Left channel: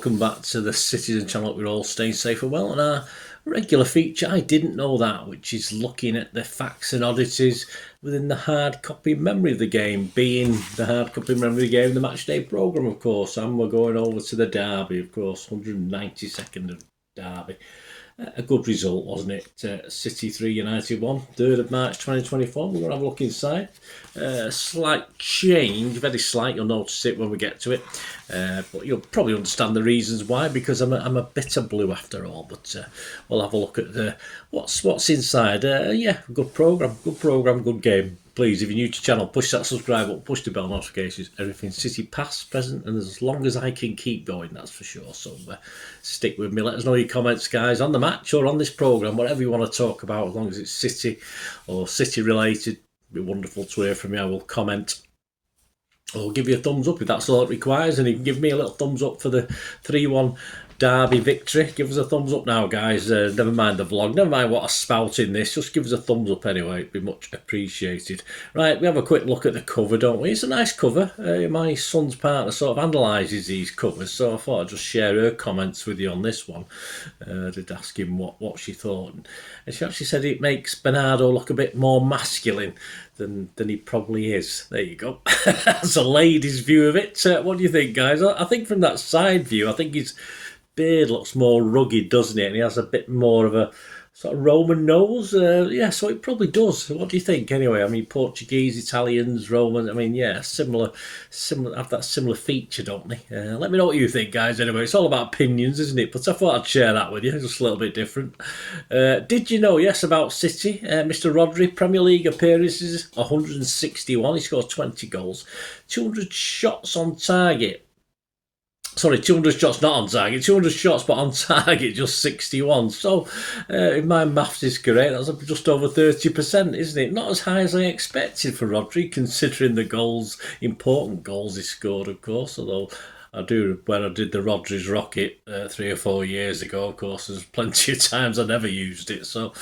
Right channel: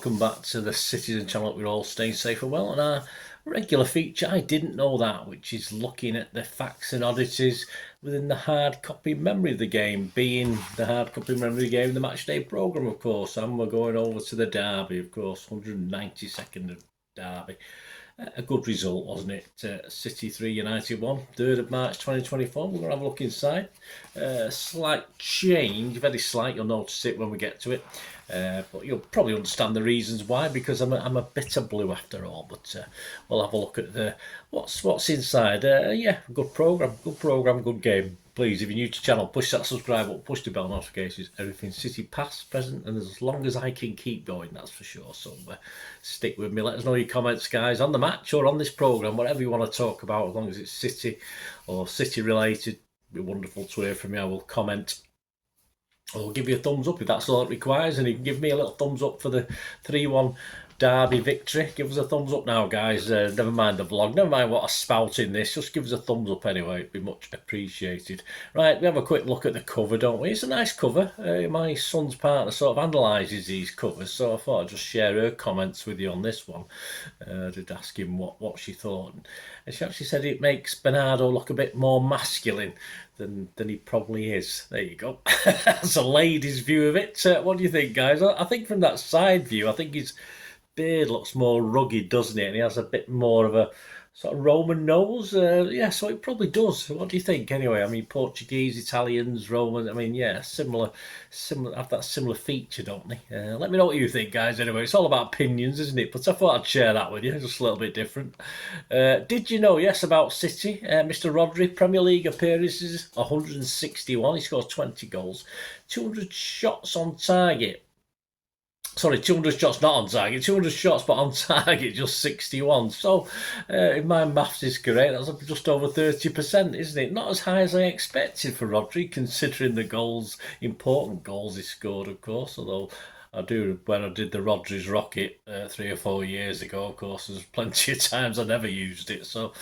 welcome back to the Citizen channel. We're all staying safe and well, and our regular feature, I didn't know that, which is looking at the facts and oddities within the hard copy memory of the game, being the hard copy memory of the game, the match day programme, of course, and we're going over to the derby, of course, 192nd of derby. A good result, wasn't it? City 3, United 1, 3rd of March 2024. We're going to have a look inside. Slight change, very slight. You'll notice it when we get to it. But you'll probably understand the reasons why, because I'm a bit of blue after all. But we'll have a look at what's inside. Yeah, good programme, good game. Please, if you're new to the channel, push that subscribe button, push the bell notifications. Everything City past, present, and as long as I can keep going, that's for sure. So stick with me. Let us know your comments, guys, on the match or on this programme, whatever you want to talk about, as long as it's City or City related. It'd be wonderful to hear from you. I will comment or give you a thumbs up if that's all it requires, and you can give me a little thumbs up for the 3-1 derby victory. Give us a thumbs up now, guys. Never mind the vlog, never mind what I spout in this, just give us a thumbs up anyway, it'd be much appreciated. Right, we have a quick look at the cover, don't we? It's a nice cover. My son's partner sort of analyses these covers, so I thought I'd just share her comments with you on this one. Did ask him what she thought, and she actually said it makes Bernardo look a bit more masculine than he probably is. There you go. That's a lady's view of it. What do you think, guys? I think from that side view, I think his beard looks more rugged, doesn't it? And he has a bit more of a sort of Roman nose. Yeah, so it probably does. What do you think anyway? I mean, Portuguese, Italians, Roman, I mean, yeah, similar have that similar feature, don't they? Let me know what you think, guys. Anyway, it's all about opinions, isn't it? But I thought I'd share that with you, just a little bit different. Did you know, yes, about City? Mr. Rodri, Premier League appearances, 161. He scores 20 goals, 200 shots on target. Sorry, 200 shots not on target, 200 shots but on target, just 61. So, if my maths is correct, that's just over 30%, isn't it? Not as high as I expected for Rodri, considering the goals, important goals he scored, of course. Although, when I did the Rodri's Rocket 3 or 4 years ago, of course, there's plenty of times I never used it. So,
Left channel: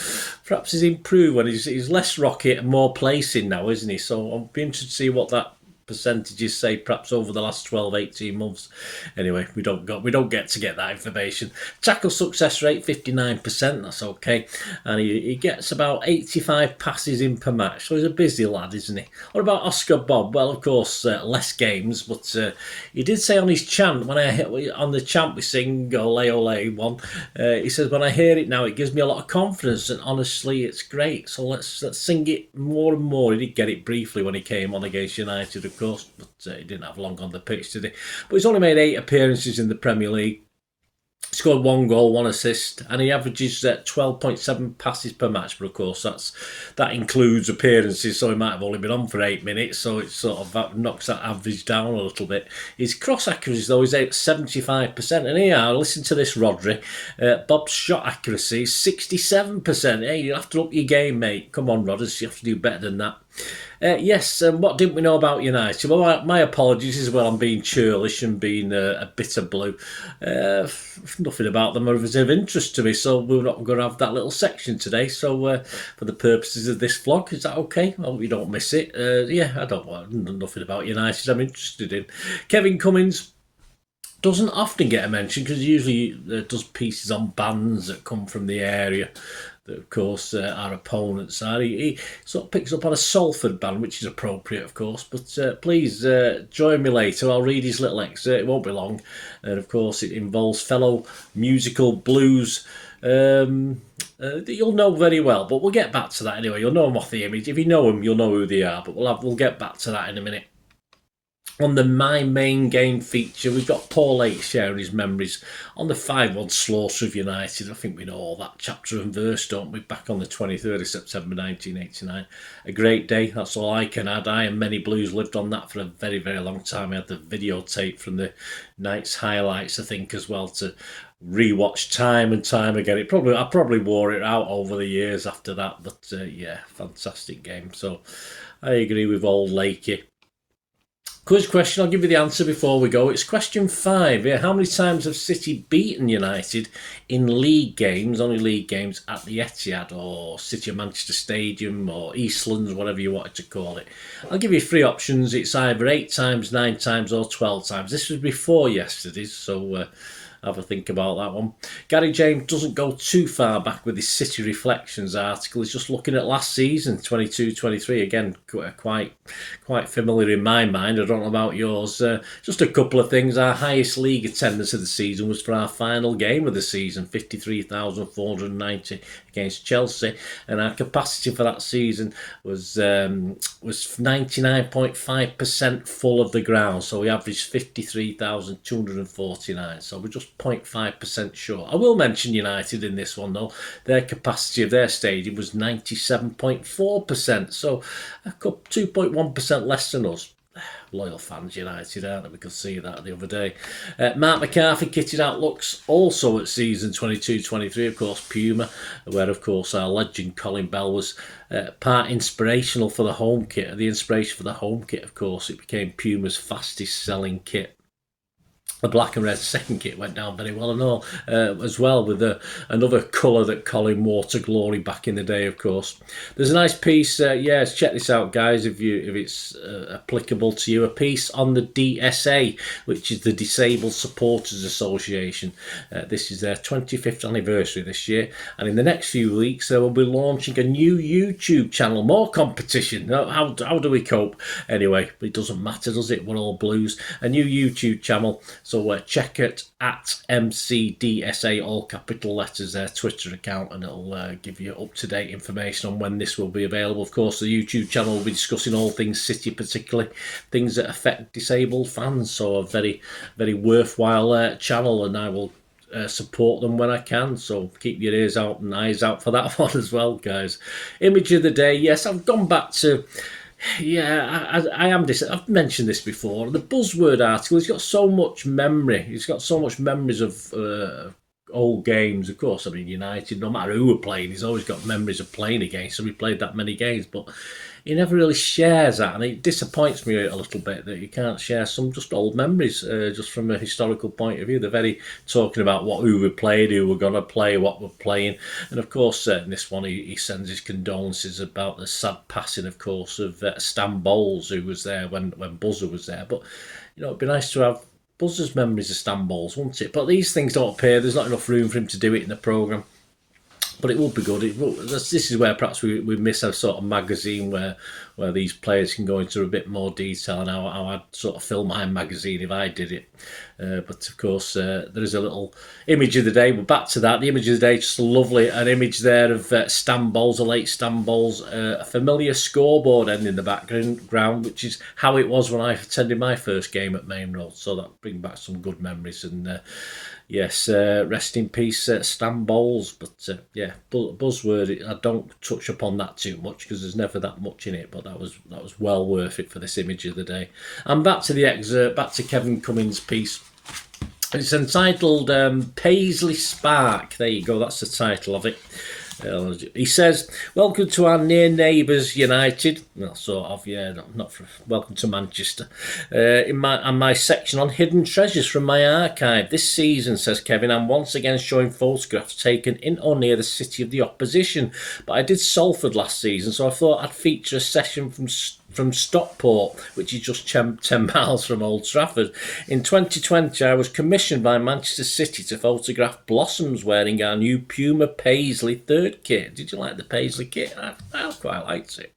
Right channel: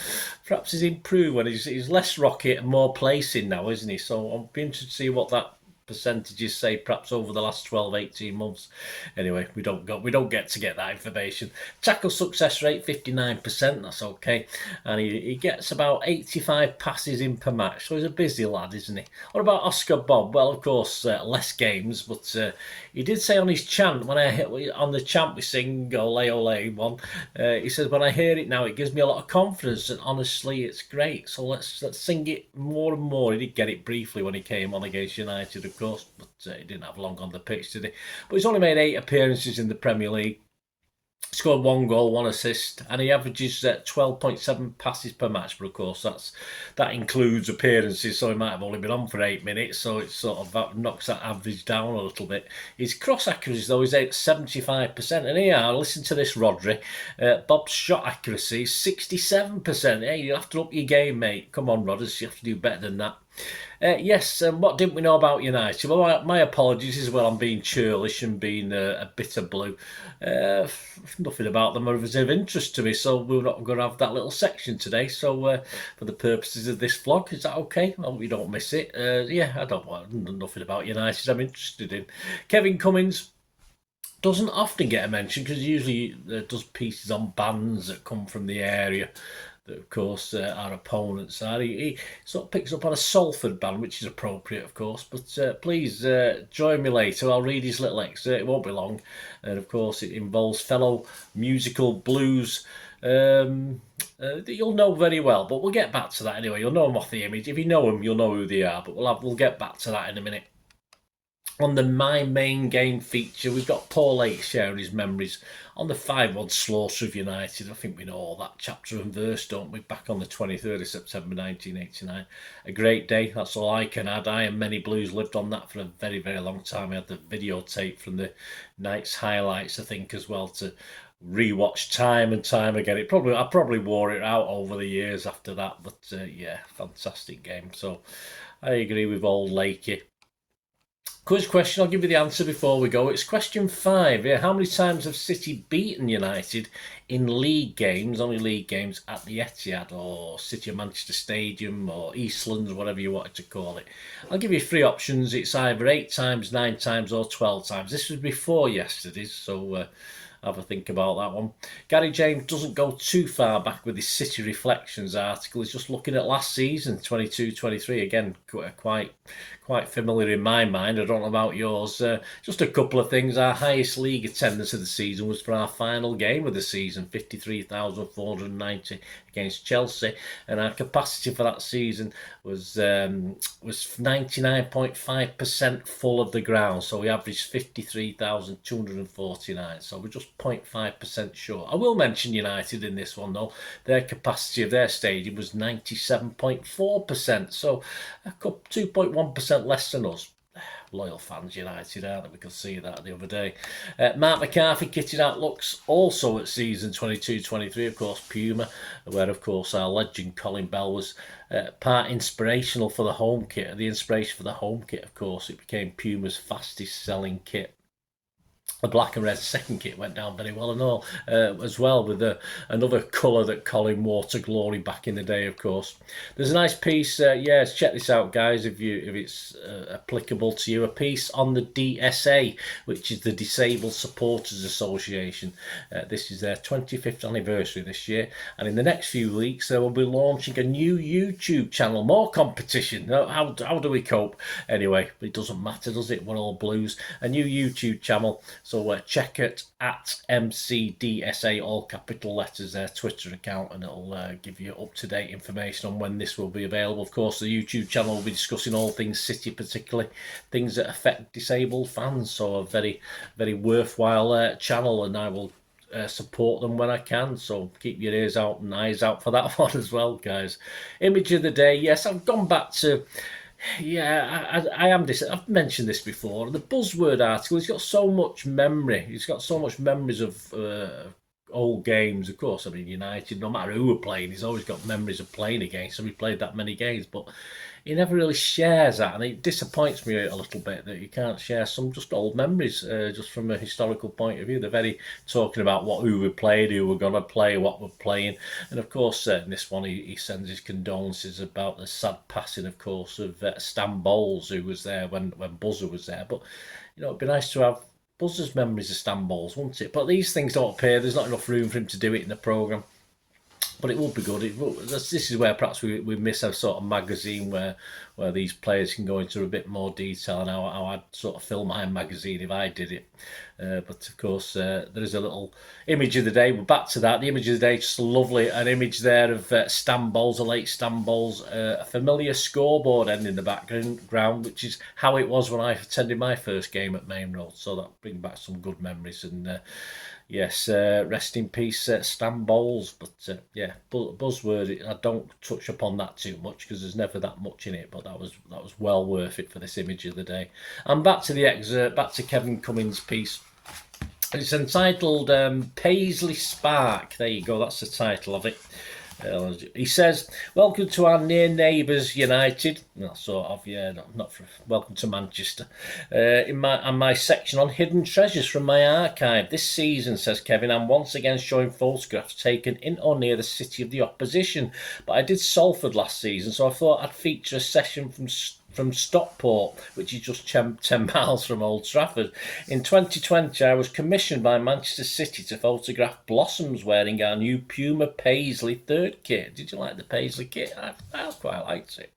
perhaps he's improved when he's less rocket and more placing now, isn't he? So, I'll be interested to see what that percentages say perhaps over the last 12-18 months. Anyway, we don't get that information. Tackle success rate 59%, that's okay, and he gets about 85 passes in per match, so he's a busy lad, isn't he? What about Oscar Bob? Well, of course, less games, but he did say on his chant, on the chant we sing ole ole one, he says, when I hear it now, it gives me a lot of confidence, and honestly it's great, so let's sing it more and more. He did get it briefly when he came on against United, of course, but he didn't have long on the pitch, did he? But he's only made 8 appearances in the Premier League, scored 1 goal, 1 assist, and he averages 12.7 passes per match. But of course, that includes appearances, so he might have only been on for 8 minutes, so it sort of knocks that average down a little bit. His cross accuracy, though, is at 75%, and here, listen to this, Rodri. Bob's shot accuracy is 67%. Hey, you'll have to up your game, mate. Come on, Rodders, you have to do better than that. Yes, what didn't we know about United? Well, my apologies as well. I'm being churlish and being a bit of blue. Nothing about them is of interest to me, so we're not going to have that little section today. So, for the purposes of this vlog, is that okay? I hope you don't miss it. Yeah, I don't want nothing about United. I'm interested in Kevin Cummins. Doesn't often get a mention because he usually does pieces on bands that come from the area. Of course, our opponents are. He sort of picks up on a Salford band, which is appropriate, of course. But please join me later. I'll read his little excerpt. It won't be long. And of course, it involves fellow musical blues that you'll know very well. But we'll get back to that anyway. You'll know them off the image. If you know them, you'll know who they are. But we'll get back to that in a minute. On the My Main Game feature, we've got Paul H sharing his memories on the 5-1 slaughter of United. I think we know all that chapter and verse, don't we? Back on the 23rd of September 1989. A great day, that's all I can add. I and many Blues lived on that for a very, very long time. I had the videotape from the night's highlights, I think, as well, to rewatch time and time again. I probably wore it out over the years after that, but yeah, fantastic game. So I agree with old Lakey. Quiz question, I'll give you the answer before we go. It's question 5. Yeah, how many times have City beaten United in league games, only league games, at the Etihad or City of Manchester Stadium or Eastlands, whatever you wanted to call it? I'll give you 3 options. It's either 8 times, 9 times or 12 times. This was before yesterday's, so have a think about that one. Gary James doesn't go too far back with his City Reflections article. He's just looking at last season, 22-23. Again, quite familiar in my mind. I don't know about yours. Just a couple of things. Our highest league attendance of the season was for our final game of the season, 53,490 against Chelsea, and our capacity for that season was 99.5% full of the ground. So we averaged 53,249. So we're just 0.5% short. I will mention United in this one though. Their capacity of their stadium was 97.4%. So 2.1% less than us. Loyal fans, United, aren't they? We could see that the other day. Marc McCarthy kitted out looks also at season 22-23, of course, Puma, where, of course, our legend Colin Bell was part inspirational for the home kit. The inspiration for the home kit, of course, it became Puma's fastest selling kit. The black and red second kit went down very well and all, as well, with another colour that Colin wore to glory back in the day, of course. There's a nice piece, yes, check this out, guys, if it's applicable to you. A piece on the DSA, which is the Disabled Supporters Association. This is their 25th anniversary this year, and in the next few weeks they will be launching a new YouTube channel. More competition. How do we cope? Anyway, it doesn't matter, does it? We're all Blues. A new YouTube channel. So check it at MCDSA, all capital letters, their Twitter account, and it'll give you up-to-date information on when this will be available. Of course, the YouTube channel will be discussing all things City, particularly things that affect disabled fans. So a very, very worthwhile channel, and I will support them when I can. So keep your ears out and eyes out for that one as well, guys. Image of the day. Yes, I've gone back to... Yeah, I am this. I've mentioned this before. The buzzword article, he's got so much memory. He's got so much memories of old games. Of course, I mean, United, no matter who we're playing, he's always got memories of playing against. So we played that many games, but he never really shares that, and it disappoints me a little bit that you can't share some just old memories, just from a historical point of view. They're very talking about who we played, who we're going to play, what we're playing, and of course in this one he sends his condolences about the sad passing, of course, of Stan Bowles, who was there when Buzzer was there. But it'd be nice to have Buzzer's memories of Stan Bowles, wouldn't it? But these things don't appear. There's not enough room for him to do it in the programme. But it would be good. This is where perhaps we miss a sort of magazine where these players can go into a bit more detail, and how I'd sort of fill my magazine if I did it. But of course, there is a little image of the day. We're back to that. The image of the day, just lovely. An image there of Stan Bowles, the late Stan Bowles, a familiar scoreboard end in the background, which is how it was when I attended my first game at Main Road. So that brings back some good memories. And yes, rest in peace, Stan Bowles. But yeah, buzzword. I don't touch upon that too much because there's never that much in it. But that was well worth it for this image of the day. And back to the excerpt. Back to Kevin Cummins' piece. It's entitled Paisley Spark. There you go. That's the title of it. He says, "Welcome to our near neighbours, United." Well, sort of, yeah. Not for welcome to Manchester. In my section on hidden treasures from my archive this season, says Kevin, I'm once again showing photographs taken in or near the city of the opposition. But I did Salford last season, so I thought I'd feature a session from Stockport, which is just 10 miles from Old Trafford. In 2020, I was commissioned by Manchester City to photograph Blossoms wearing our new Puma Paisley third kit. Did you like the Paisley kit? I quite liked it.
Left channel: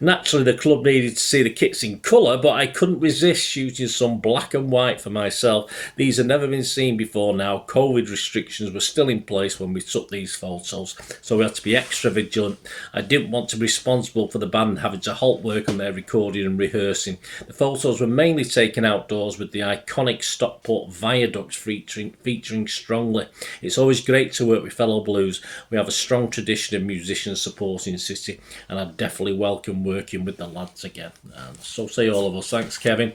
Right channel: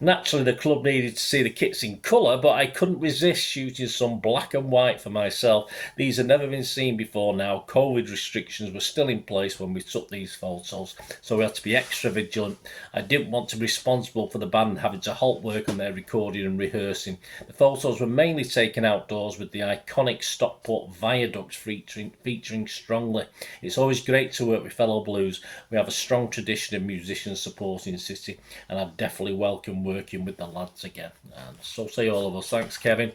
Naturally, the club needed to see the kits in colour, but I couldn't resist shooting some black and white for myself. These had never been seen before now. COVID restrictions were still in place when we took these photos, so we had to be extra vigilant. I didn't want to be responsible for the band having to halt work on their recording and rehearsing. The photos were mainly taken outdoors with the iconic Stockport viaduct featuring strongly. It's always great to work with fellow Blues. We have a strong tradition of musicians supporting City, and I definitely welcome working with the lads again. And so say all of us. Thanks, Kevin.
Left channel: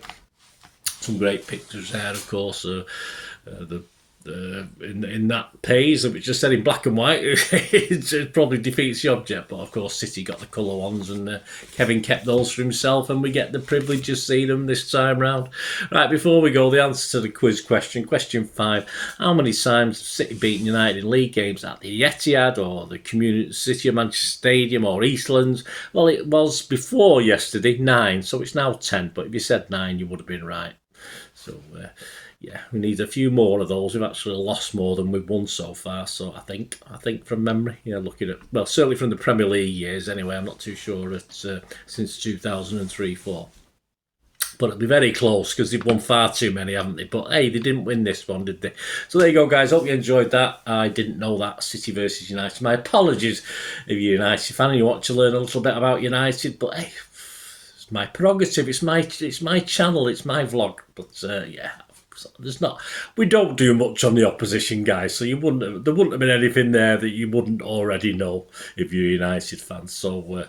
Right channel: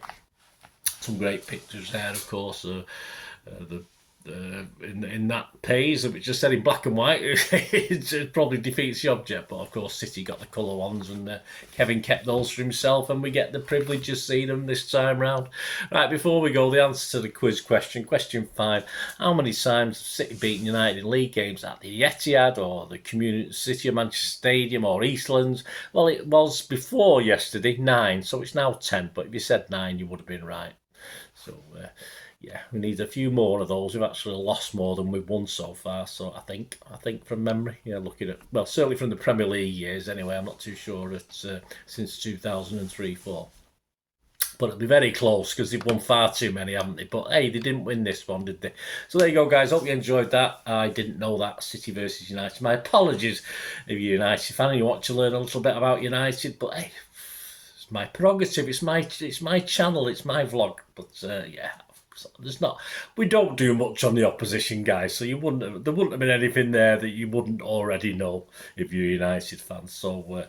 Some great pictures there, of course. In that page, which just said in black and white, it probably defeats the object. But of course, City got the colour ones, and Kevin kept those for himself, and we get the privilege of seeing them this time round. Right, before we go, the answer to the quiz question. Question 5: how many times have City beaten United in league games at the Etihad or the Community City of Manchester Stadium or Eastlands? Well, it was before yesterday 9, so it's now 10. But if you said 9, you would have been right. So. yeah, we need a few more of those. We've actually lost more than we've won so far. So I think from memory, looking at, well, certainly from the Premier League years anyway. I'm not too sure since 2003-4. But it'll be very close because they've won far too many, haven't they? But hey, they didn't win this one, did they? So there you go, guys. Hope you enjoyed that. I didn't know that. City versus United. My apologies if you're a United fan and you want to learn a little bit about United. But hey, it's my prerogative. It's my channel. It's my vlog. But yeah. There's not. We don't do much on the opposition, guys. So there wouldn't have been anything there that you wouldn't already know if you're a United fan. So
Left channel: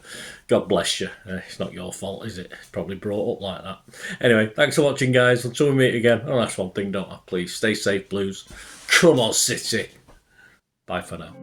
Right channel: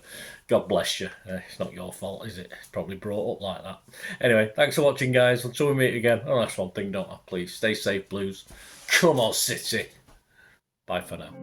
God bless you. It's not your fault, is it? It's probably brought up like that. Anyway, thanks for watching, guys. Until we meet again. Oh, that's one thing, don't I? Please stay safe, Blues. Come on, City. Bye for now.